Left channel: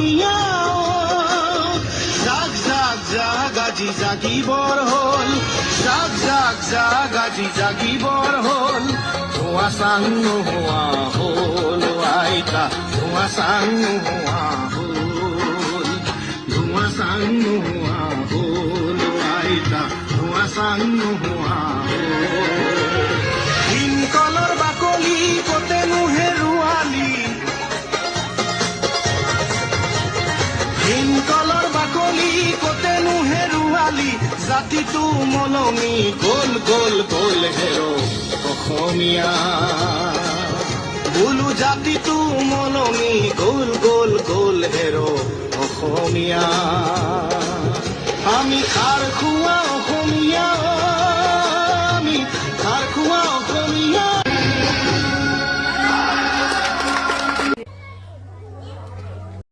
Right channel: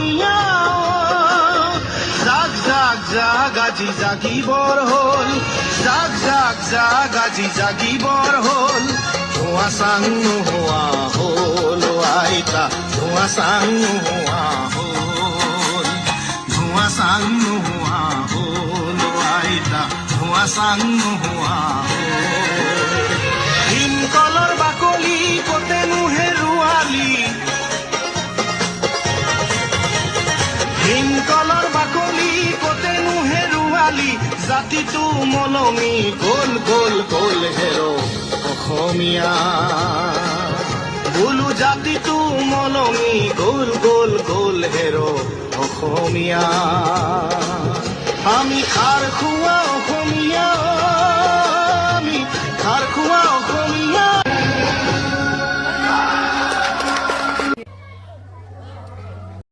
অসমীয়া জাক জাক জাক আজি জাগিবৰ হ'ল জাক জাক জাক আজি জাগিবৰ হ'ল ধোঁৱা চাং নোহোৱা হ'ল আইতা ধোঁৱা চাং নোহোৱা হ'ল ধোঁৱা চাং নোহোৱা হ'ল আইতা ধোঁৱা চাং নোহোৱা হ'ল ভীমকলৰ বাকলি কতেনো হেৰুৱালি ভীমকলৰ বাকলি কতেনো হেৰুৱালি জাতিটো মলমি গ'ল গ'ল গ'ল হেৰ অসমীয়া বোলো জাতিটো মলমি গ'ল গ'ল গ'ল হেৰ অসমীয়া আমি খাৰ খোৱা অসমীয়া